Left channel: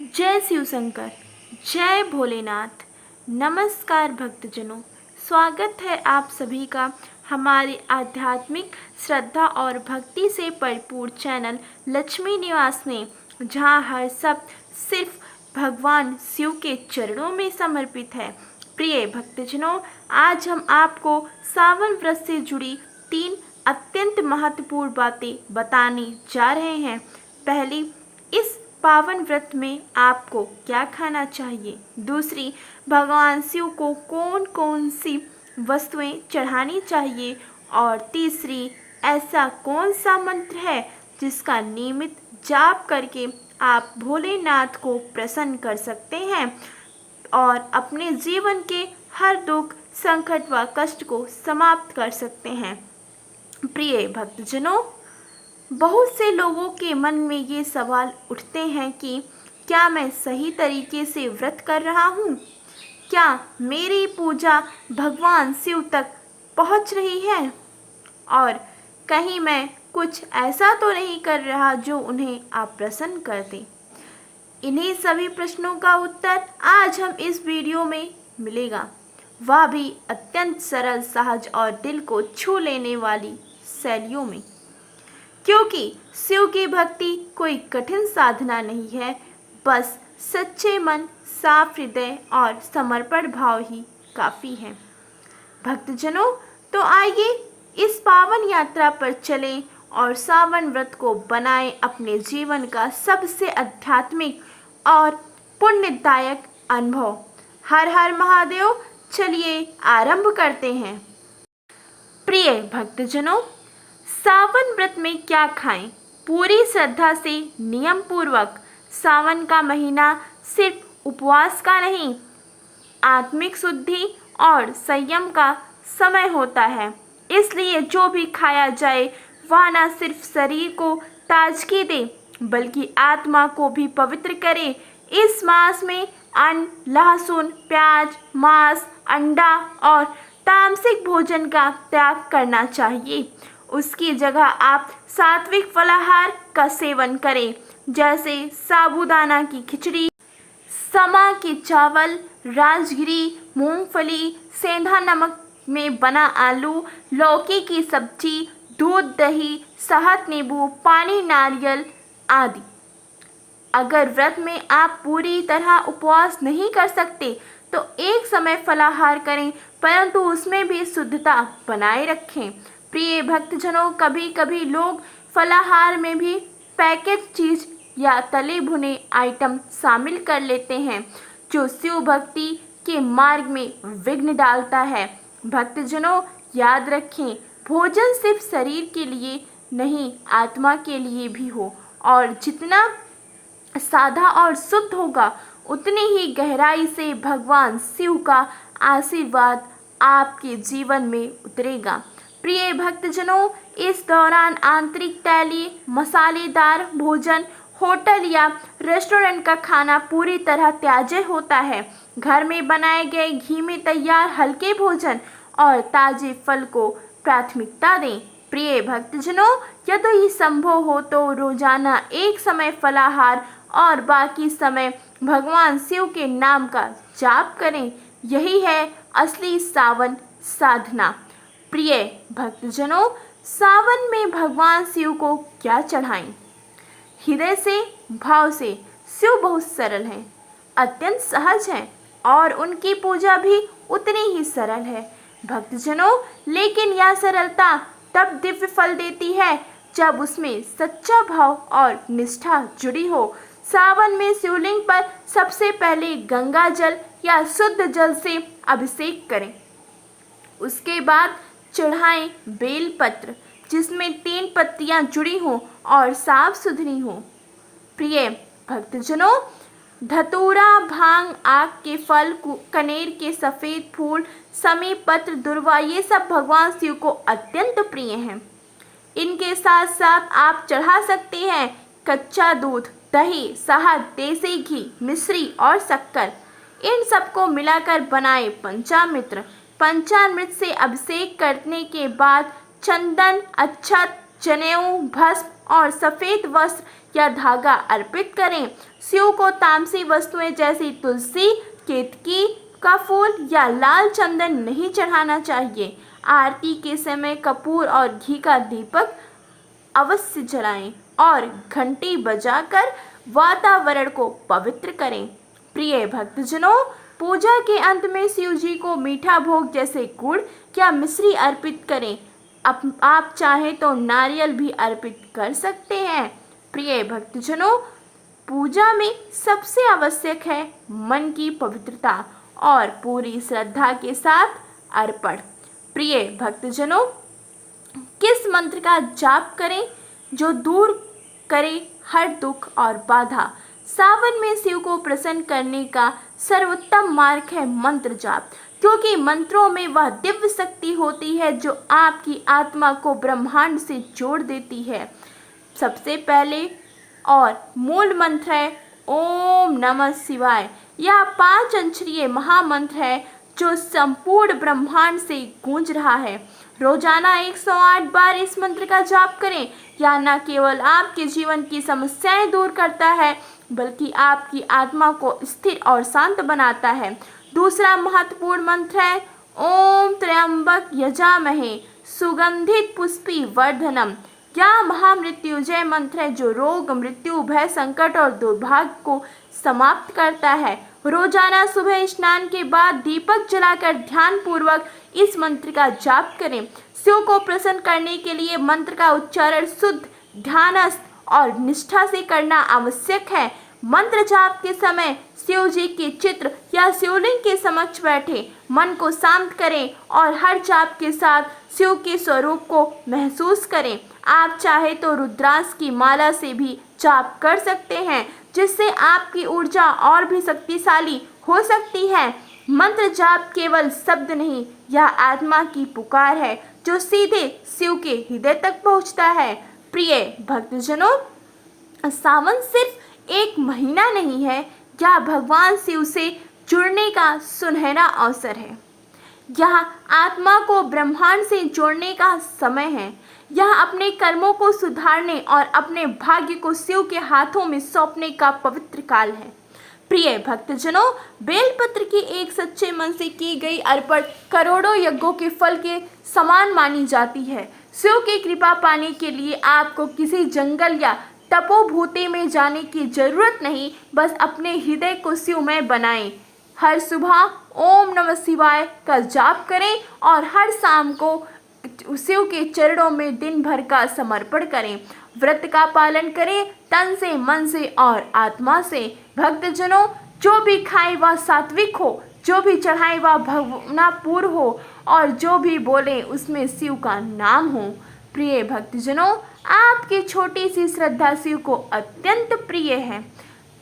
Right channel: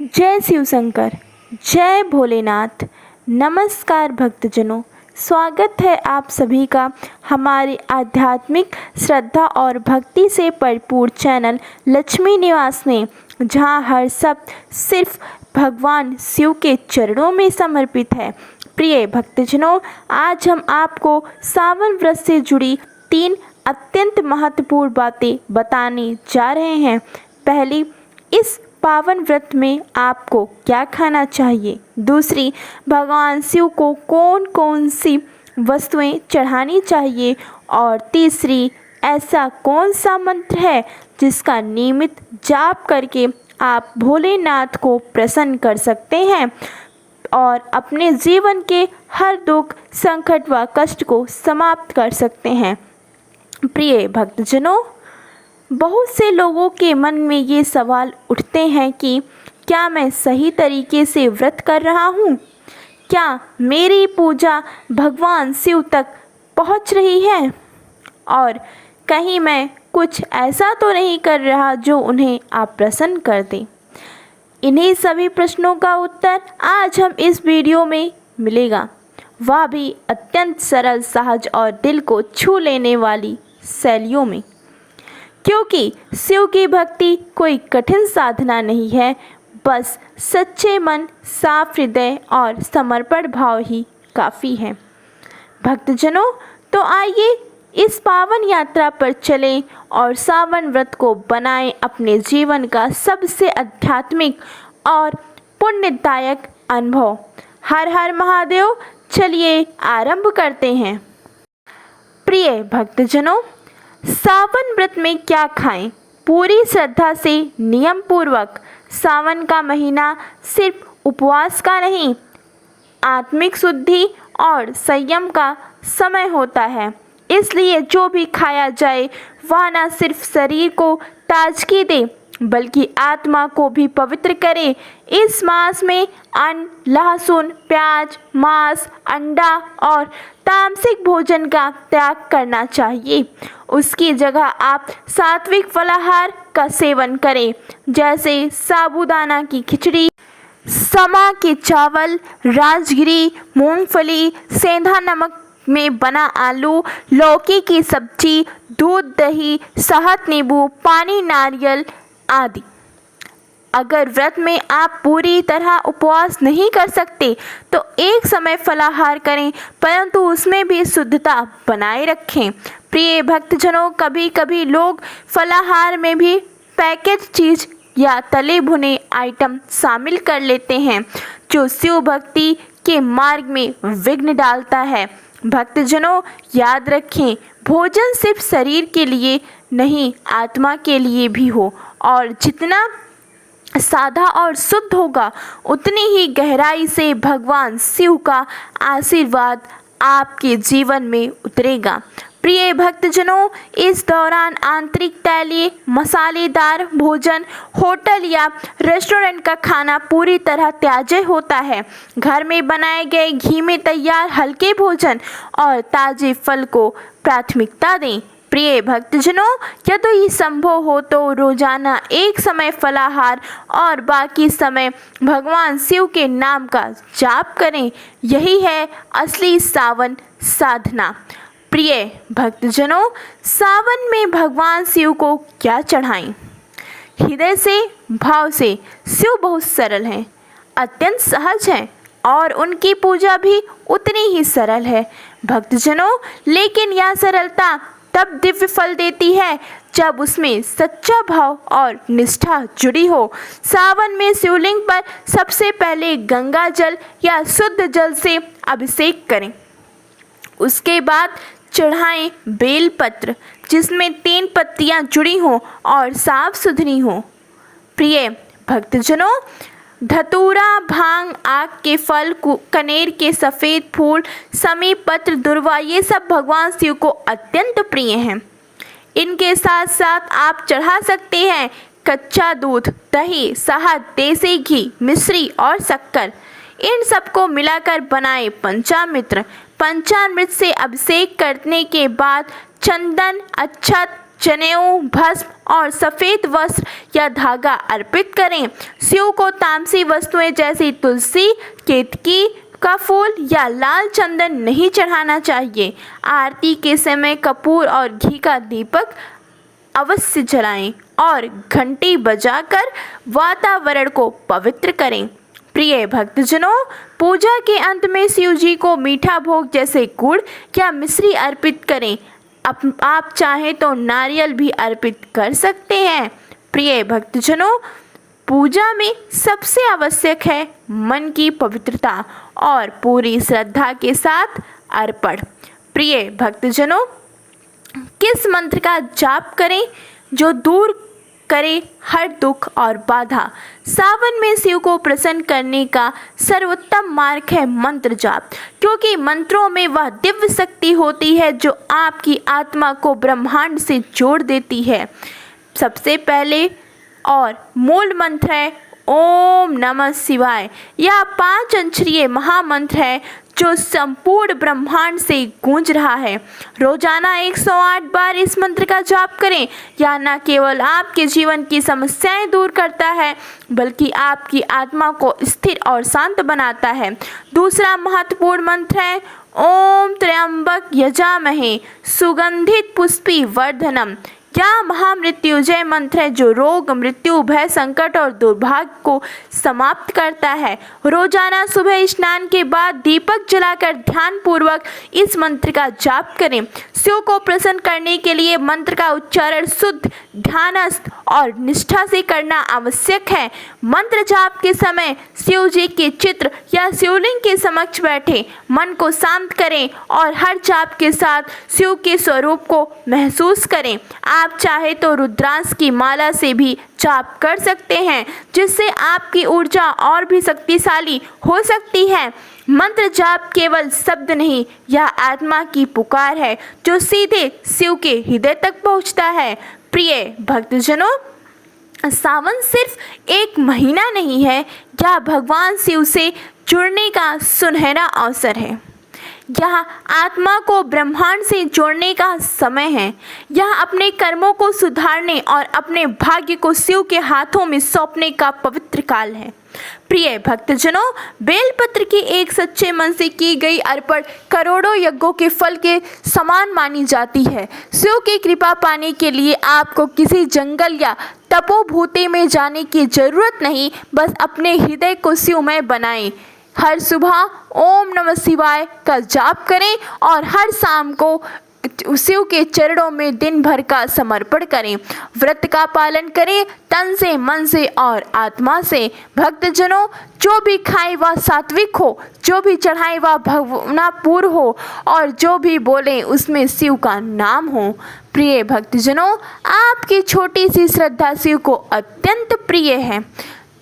जय शिव शंकर, जय भोलेनाथ। नमस्कार भक्तजनों, स्वागत है आप सभी का हमारे आध्यात्मिक श्रद्धा और भक्ति से भरपूर चैनल लक्ष्मी निवास में, जहां हर शब्द सिर्फ भगवान शिव के चरणों में समर्पित है। प्रिय भक्तजनों, आज हम आपको सावन व्रत से जुड़ी 3 अत्यंत महत्वपूर्ण बातें बताने जा रहे हैं। पहली, इस पावन व्रत में आपको क्या खाना चाहिए। दूसरी, भगवान शिव को कौन कौन सी वस्तुएं चढ़ानी चाहिए। और तीसरी, ऐसा कौन सा मंत्र है जिसका नियमित जाप करके आप भोलेनाथ को प्रसन्न कर सकते हैं और अपने जीवन के हर दुख, संकट व कष्ट को समाप्त कर सकते हैं। प्रिय भक्तजनों, बहुत से लोगों के मन में ये सवाल उठते हैं कि क्या मैं सही तरीके से व्रत कर रहा हूँ? क्या मेरी पूजा भगवान शिव तक पहुँच रही है? और कहीं मैं कुछ ऐसा तो नहीं कर रहा जो उन्हें अप्रसन्न कर दे? इन्हीं सभी प्रश्नों का उत्तर आज हम इस वीडियो में मिलेगा, वह भी अत्यंत सरल, सहज और दिल को छू लेने वाली शैलियों में। क्योंकि शिव की भक्ति कोई कठिन साधना नहीं है, बस सच्चे मन, साफ हृदय और समर्पण भाव ही काफ़ी है। भक्तजनों, तो आइए इस पावन यात्रा पर चलें और सावन व्रत को बनाएं अपने जीवन का सबसे आध्यात्मिक और पुण्यदायक अनुभव। हर हर महादेव। चलिए आरंभ करते हैं। प्रिय भक्तजनों, सावन व्रत में क्या खाएं? पूरी श्रद्धा से नियम पूर्वक। सावन का महीना सिर्फ उपवास का नहीं, आत्मिक शुद्धि और संयम का समय होता है। इसलिए जो भी खाया जाए वह न सिर्फ शरीर को ताजगी दे बल्कि आत्मा को भी पवित्र करे। इस मास में अन्न, लहसुन, प्याज, मांस, अंडा और तामसिक भोजन का त्याग करना चाहिए। उसकी जगह आप सात्विक फलाहार का सेवन करें, जैसे साबूदाना की खिचड़ी, समा के चावल, राजगिरी, मूंगफली, सेंधा नमक में बना आलू, लौकी की सब्जी, दूध, दही, शहद, नींबू पानी, नारियल आदि। अगर व्रत में आप पूरी तरह उपवास नहीं कर सकते तो एक समय फलाहार करें, परंतु उसमें भी शुद्धता बनाए रखें। प्रिय भक्तजनों, कभी कभी लोग फलाहार में भी पैकेज चीज़ या तले भुने आइटम शामिल कर लेते हैं, जो शिव भक्ति के मार्ग में विघ्न डालता है। भक्तजनों, याद रखें, भोजन सिर्फ शरीर के लिए नहीं, आत्मा के लिए भी हो, और जितना सादा और शुद्ध होगा उतनी ही गहराई से भगवान शिव का आशीर्वाद आपके जीवन में उतरेगा। प्रिय भक्तजनों, इस दौरान आंतरिक तैलीय मसालेदार भोजन, होटल या रेस्टोरेंट का खाना पूरी तरह त्याज्य होता है। घर में बनाए गए घी में तैयार हल्के भोजन और ताजे फल को प्राथमिकता दें। प्रिय भक्तजनों, यदि संभव हो तो रोजाना एक समय फलाहार और बाकी समय भगवान शिव के नाम का जाप करें। यही है असली सावन साधना। प्रिय भक्तजनों, सावन में भगवान शिव को क्या चढ़ाएं? हृदय से, भाव से। शिव बहुत सरल हैं, अत्यंत सहज हैं और उनकी पूजा भी उतनी ही सरल है। भक्तजनों, लेकिन यह सरलता तब दिव्य फल देती है जब उसमें सच्चा भाव और निष्ठा जुड़ी हो। सावन में शिवलिंग पर सबसे पहले गंगा जल या शुद्ध जल से अभिषेक करें। उसके बाद चढ़ाएं बेलपत्र, जिसमें 3 पत्तियां जुड़ी हों और साफ सुथरी हों। प्रिय भक्तजनों, धतूरा, भांग, आक के फल, कनेर के सफ़ेद फूल, समी पत्र, दुर्वा, ये सब भगवान शिव को अत्यंत प्रिय हैं। इनके साथ साथ आप चढ़ा सकते हैं कच्चा दूध, दही, शहद, देसी घी, मिश्री और शक्कर। इन सबको मिलाकर बनाए पंचामृत। पंचामृत से अभिषेक करने के बाद चंदन, अक्षत, जनेऊ, भस्म और सफ़ेद वस्त्र या धागा अर्पित करें। शिव को तामसी वस्तुएं जैसे तुलसी, केतकी का फूल या लाल चंदन नहीं चढ़ाना चाहिए। आरती के समय कपूर और घी का दीपक अवश्य जलाएं और घंटी बजाकर वातावरण को पवित्र करें। प्रिय भक्तजनों, पूजा के अंत में शिव जी को मीठा भोग जैसे गुड़ या मिश्री अर्पित करें। आप चाहें तो नारियल भी अर्पित कर सकते हैं। प्रिय भक्तजनों, पूजा में सबसे आवश्यक है मन की पवित्रता और पूरी श्रद्धा के साथ अर्पण। प्रिय भक्तजनों, किस मंत्र का जाप करें जो दूर करे हर दुख और बाधा? सावन में शिव को प्रसन्न करने का सर्वोत्तम मार्ग है मंत्र जाप, क्योंकि मंत्रों में वह दिव्य शक्ति होती है जो आपकी आत्मा को ब्रह्मांड से जोड़ देती है। सबसे पहले और मूल मंत्र है ओम नमः शिवाय। यह 5 अक्षरीय महामंत्र है जो संपूर्ण ब्रह्मांड से गूंज रहा है। रोजाना 108 बार इस मंत्र का जाप करें। यह न केवल आपके जीवन की समस्याएं दूर करता है, बल्कि आपकी आत्मा को स्थिर और शांत बनाता है। दूसरा महत्वपूर्ण मंत्र है ओम त्र्यंबक यजामहे सुगंधित पुष्पि वर्धनम। यह महामृत्युंजय मंत्र है जो रोग, मृत्यु, भय, संकट और दुर्भाग्य को समाप्त करता है। रोजाना सुबह स्नान के बाद दीपक जलाकर ध्यान पूर्वक इस मंत्र का जाप करें। शिव को प्रसन्न करने के लिए मंत्र का उच्चारण शुद्ध, ध्यानस्थ और निष्ठा से करना आवश्यक है। मंत्र जाप के समय शिव जी के चित्र या शिवलिंग के समक्ष बैठे मन को शांत करें और हर जाप के साथ शिव के स्वरूप को महसूस करें। आप चाहे तो रुद्राक्ष की माला से भी जाप कर सकते हैं, जिससे आपकी ऊर्जा और भी शक्तिशाली हो सकती है। मंत्र जाप केवल शब्द नहीं, यह आत्मा की पुकार है जो सीधे शिव के हृदय तक पहुंचता है। प्रिय भक्तजनों, सावन सिर्फ एक महीना नहीं है, यह भगवान शिव से जुड़ने का सुनहरा अवसर है। यह आत्मा को ब्रह्मांड से जोड़ने का समय है। यह अपने कर्मों को सुधारने और अपने भाग्य को शिव के हाथों में सौंपने का पवित्र काल है। प्रिय भक्तजनों, बेलपत्र की एक सच्चे मन से की गई अर्पण करोड़ों यज्ञों के फल के समान मानी जाती है। शिव की कृपा पाने के लिए आपको किसी जंगल या तपोभूमि में जाने की जरूरत नहीं, बस अपने हृदय को शिवमय बनाएं। हर सुबह ओम नमः शिवाय का जाप करें और हर शाम को शिव के चरणों में दिन भर का समर्पण करें। व्रत का पालन करें तन से, मन से और आत्मा से। भक्तजनों, जो भी खाए वह सात्विक हो, जो भी चढ़ाए वह भावनापूर्ण हो और जो भी बोले उसमें शिव का नाम हो। प्रिय भक्तजनों, आपकी छोटी सी श्रद्धा शिव को अत्यंत प्रिय है,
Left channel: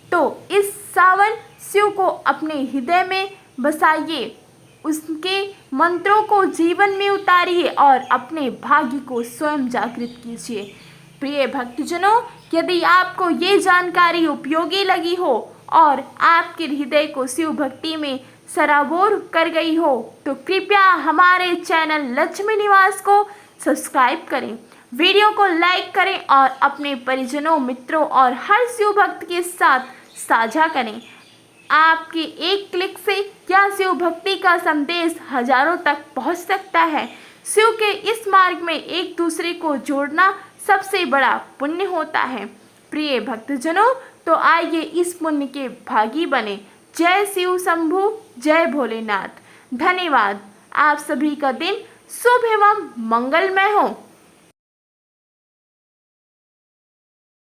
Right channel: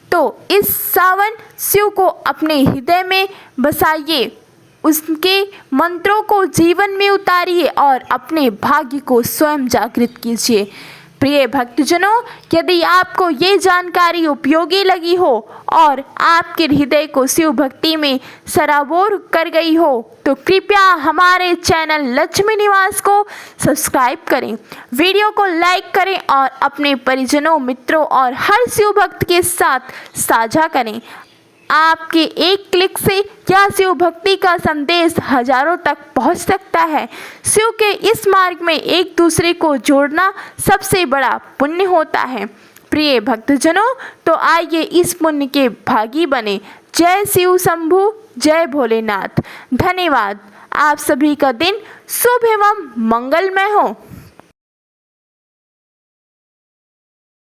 तो इस सावन शिव को अपने हृदय में बसाइए, उसके मंत्रों को जीवन में उतारिए और अपने भाग्य को स्वयं जागृत कीजिए। प्रिय भक्तजनों, यदि आपको ये जानकारी उपयोगी लगी हो और आपके हृदय को शिव भक्ति में सराबोर कर गई हो, तो कृपया हमारे चैनल लक्ष्मी निवास को सब्सक्राइब करें, वीडियो को लाइक करें और अपने परिजनों, मित्रों और हर शिव भक्त के साथ साझा करें। आपके एक क्लिक से यह शिव भक्ति का संदेश हजारों तक पहुंच सकता है। शिव के इस मार्ग में एक दूसरे को जोड़ना सबसे बड़ा पुण्य होता है। प्रिय भक्तजनों, तो आइए इस पुण्य के भागी बने। जय शिव शंभु, जय भोलेनाथ। धन्यवाद। आप सभी का दिन शुभ एवं मंगलमय हो।